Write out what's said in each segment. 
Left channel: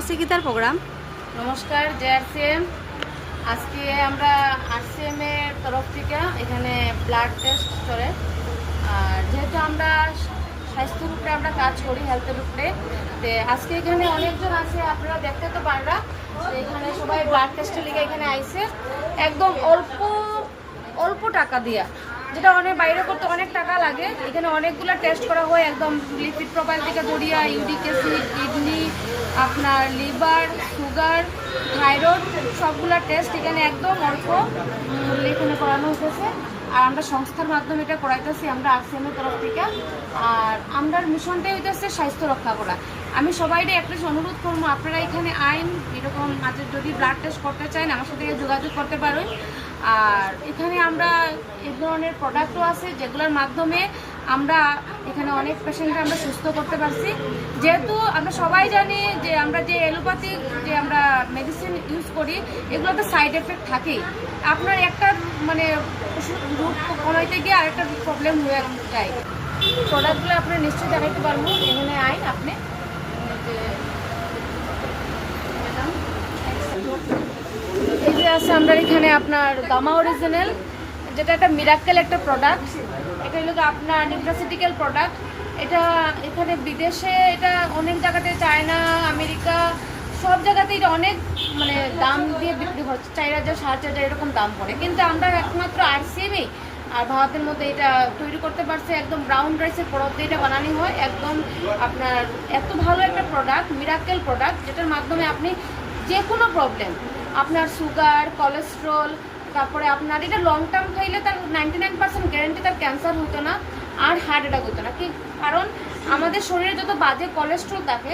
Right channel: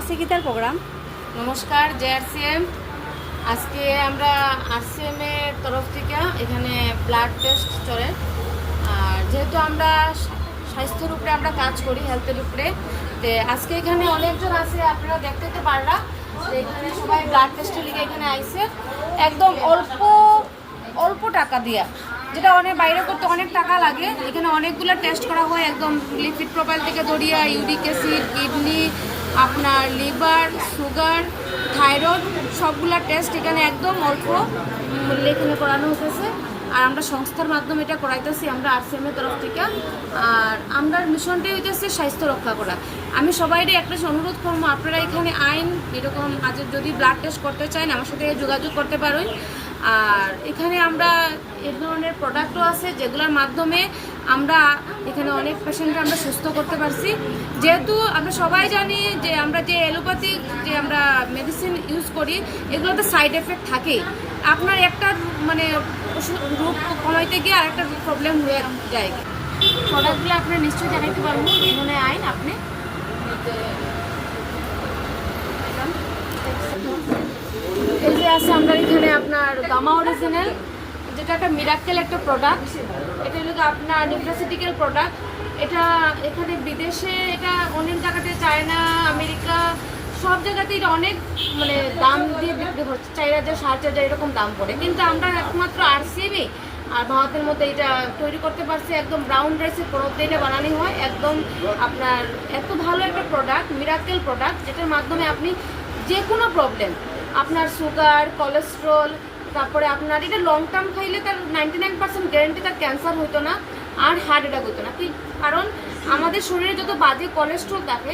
আছে কি তার প্রোগ্রাম? নমস্কার জেআরসিএম। আজকে আমরা আরসিএম এর তরফ থেকে এখানে ব্লাড টেস্ট চলে। আর যেহেতু আমরা স্বাস্থ্যের উপরে আমরা কাজ করি, হেলথের উপরে, তো আজকে এখানে অনেকজন আছে, আপনারা দেখতে তো পাররা। এখানে সবাই ব্লাড টেস্টের লিগে এখানে আইছে একদম অল্প টাকা দিয়া, যেটা অনেক বাইরে করতে অনেক টাকা লাগে। এখানে অনেকগুলো টেস্ট করা হয়, একদম লিপিড প্রোফাইল থেকে ধরিয়া ইউরিক অ্যাসিড, কিডনি, আপনার লিভার, সুগার, থাইরয়েড, সবগুলা টেস্ট এখানে একদম অল্প মূল্যে এখানে করানো হতেছে। আর আমরা সংস্থার মাধ্যমে এটা করাইতেছি, আমরা আরসিএম এর তরফ থেকে। আর আমরা মিশনটাই হইতেছে স্বাস্থ্য রক্ষা করা। আমি সবাইকে একটা অনুরোধ করবো, আপনারা এখানে আইন এরকম আজ যদি ব্লাড টেস্ট করতে চান আমার সাথে যোগাযোগ করতে পারেন। আর এখানে আমরা এই ধরনের প্রোডাক্টও আছে যেগুলোর মাধ্যমে আমরা এখানে অনেক পেশেন্টকে আমরা সুস্থ করতে পারছি। যেহেতু আমরা সবাই জানি যে আমরা যে এলোপ্যাথিক যে আমরা মেডিসিন ইউজ করি, এগুলোতে সাইড এফেক্ট থাকেই। আপনার একটা মানে রোগ কমাইতে গিয়ে আরেকটা প্রবলেম হয়ে যায়। প্রোডাক্টগুলো আপনি নিশ্চয়ই দেখাইতে পারবো। এখানে আইন আপনি এই যে আছে আমাদের এখানে আপনার গামা অরিজিনাল, যেটা একটা মিরাকেল একটা প্রোডাক্ট। এটা হলো আপনার নিউট্রাসিউটিক্যাল প্রোডাক্ট। এটা এখানে বিদেশে এটা অনেক জায়গাতে, চায়না, আমেরিকা, সব জায়গাতে এটা অনেক মানে দাম দিয়ে বিক্রি হচ্ছে, 4,000 7,000 এরকম দাম পড়ে। কিন্তু আমরা একমাত্র আরসিএমই আর ভারতের মধ্যে এটা তৈরি করতে পারছি। একদম ব্রাউন রাইসের পরব দিয়ে এটা বানানো হয়। একদম আপনার এত ভালো একটা প্রোডাক্ট, মিরাকেল প্রোডাক্ট, যেটার মাধ্যমে আপনি যে কোনো প্রবলেম, আপনার সুগার, কোলেস্ট্রল, তারপরে আপনার এটা লং টার্ম খাইলে তার 99% গ্যারান্টি তার ক্যান্সার হইতো না আর হার্ট অ্যাটাক হইতো না। কারণ আমাদের শরীরে যত বাজে কোলেস্ট্রল থাকে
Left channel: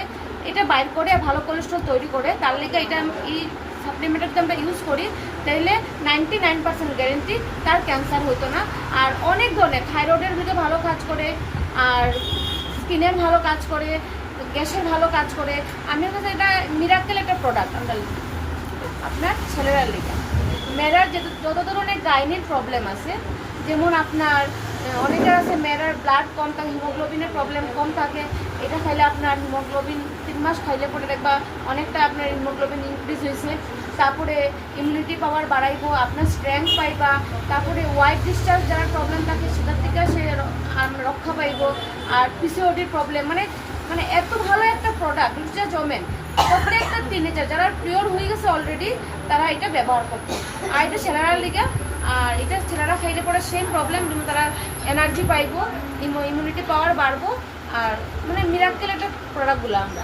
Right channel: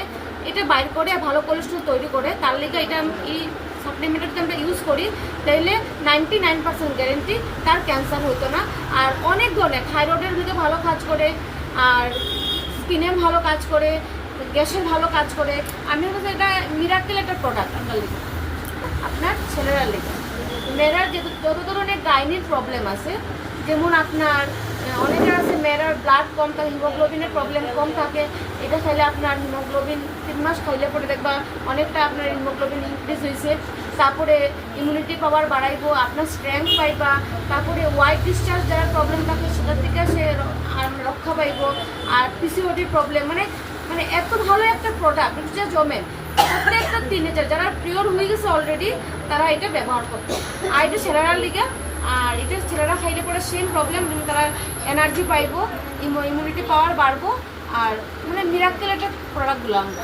এটা বাইর করে ভালো কোলেস্ট্রল তৈরি করে। তার লেগে এটা এই সাপ্লিমেন্টটা আমরা ইউজ করি, তাইলে 99% গ্যারান্টি তার ক্যান্সার হইতো না। আর অনেক ধরনের থাইরয়েডের মধ্যে ভালো কাজ করে, আর স্কিনের ভালো কাজ করে, গ্যাসের ভালো কাজ করে। আমি হচ্ছে এটা মিরাকেল একটা প্রোডাক্ট আমরা আপনার ছেলেরা লেগে। মেয়েরার যত ধরনের গাইনির প্রবলেম আছে, যেমন আপনার অনেকের আছে মেয়েরার ব্লাড কম থাকে, হিমোগ্লোবিনের প্রবলেম কম থাকে, এটা খাইলে আপনার হিমোগ্লোবিন 3 মাস খাইলে পরে দেখবা অনেকটা আপনার হিমোগ্লোবিন ইনক্রিজ হয়েছে। তারপরে ইমিউনিটি পাওয়ার বাড়াইবো, আপনার স্ট্রেংথ পাইবা। তারপরে হোয়াইট ডিসচার্জ যারা প্রবলেম থাকে সেটার থেকে সে রক্ষা পাইব। আর পিসিওডির প্রবলেম মানে মানে এত ভালো একটা প্রোডাক্ট, এটা জমেন প্রত্যেকটা টিনেজার যারা পিওর হয়ে গেছে অলরেডি তারা এটা ব্যবহার করতো। আর এটা ছেলেরা লিগা, আর এটা ছেলেরা খাইলে পরে সেম প্রবলেম, কিন্তু তারা এনার্জি পাইবো, ইমিউনিটি পাওয়ার বাড়বো। আর মানে মিরাক্কেল একটা প্রোডাক্টগুলো আমরা